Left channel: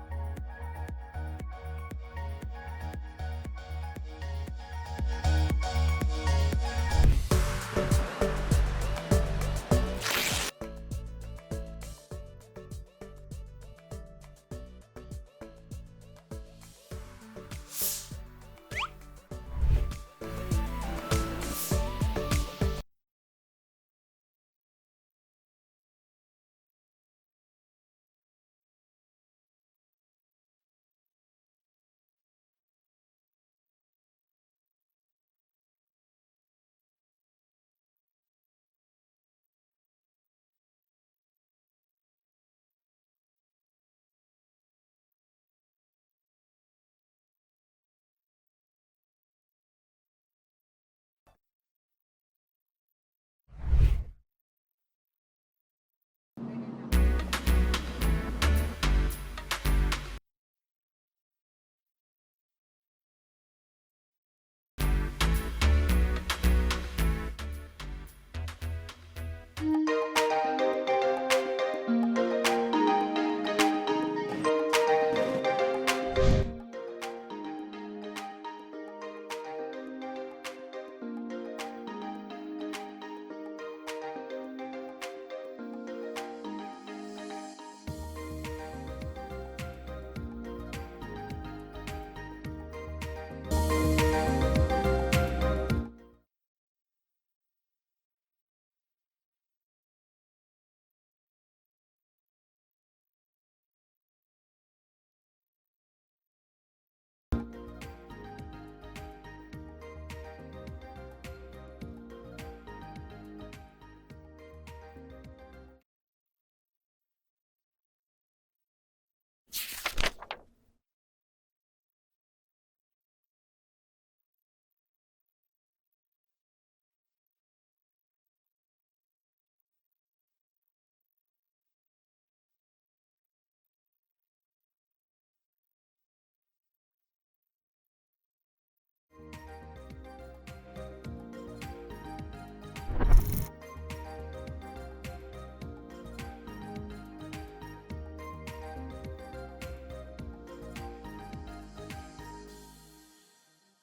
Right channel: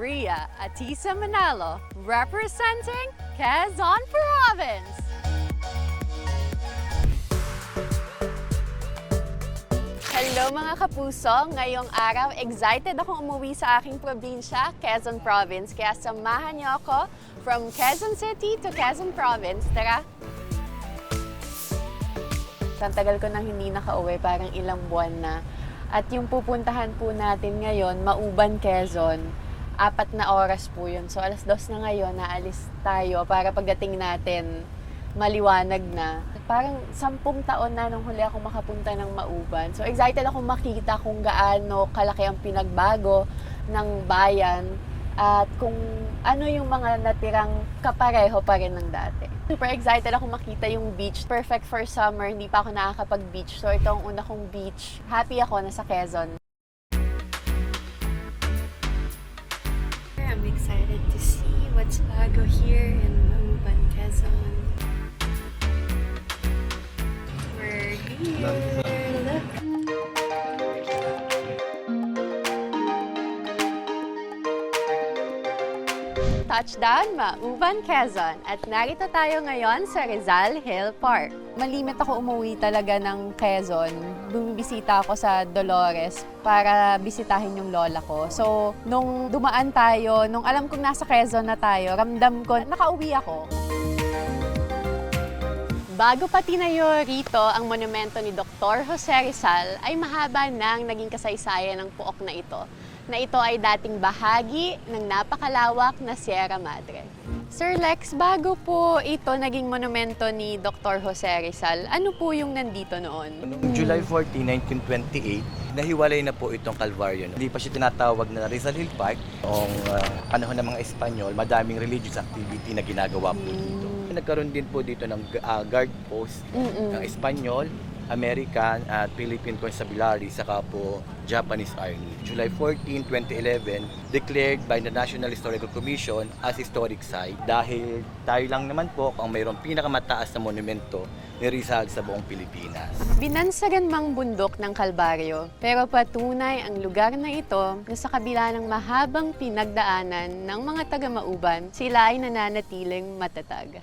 Maria Atisa Manalo, representing Quezon Province. Hello mga kapuso! Ngayong araw, excited akong umuwi sa aking probinsya, Quezon Province. Kaya samahan niyo ako from Quezon City to Quezon Province. Tara! Ang tagal ko nang hindi nakauwi, parang ilang buwan na. At yung pupuntahan po natin ngayon, Mauban, Quezon, 4 na oras po yun. So alas 2 na ngayon, naalis tayo para pagdating natin, maliwanag na. Parang 10 taon na nung huli ako makapunta ng Mauban. So excited ako makita kung gaano kalaki ang pinagbago ng bayan at kung ano yung mga natirang kapareho pa rin ng dati. Super excited ako makita yung beach. Perfect for summer. Hindi pa ako nakakapag-beach. So ito ang una kong beach. Happy ako nasa Quezon. I'm excited to see what's bago here in Mauban, Quezon. We're here. Touchdown, Mauban, Quezon. At narito tayo ngayon sa Rizal Hill Park. Malimit ako umuwi talaga ng Quezon. Bumibisita ako sa Dolores para bisitahin yung lola ko. So, nung dumaan tayo, nung alam kong nasa Quezon na tayo, ramdam ko, nakauwi ako. Bago pa tinayo rito ang monumento ni Dr. Jose Rizal, ay mahaba nang naging kasaysayan ng puok na ito ay dating bahagi ng napakalawak na Sierra Madre. Sir Lex, bago po ito naging monumento ni Dr. Jose Rizal, ano po yung nandito noon? Noong July 14, 1928, nahiwalay na po itong Calvario. Hindi pa siya tinatawag na Rizal Hill Park. Noong panahon ng mga Espanyol, madaming religious activity na ginagawa po dito. Nagkaroon din po dito ng guard post ng Espanyol, American at Philippine Constabulary saka po Japanese Army. July 14, 2011, declared by the National Historical Commission as historic site dahil tayo lang naman po ang mayroong pinakamataas na monumento ni Rizal sa buong Pilipinas. Binansagan mang bundok ng Kalbaryo, pero patunay ang lugar na ito na sa kabila ng mahabang pinagdaanan ng mga taga-Mauban, sila ay nananatiling matatag.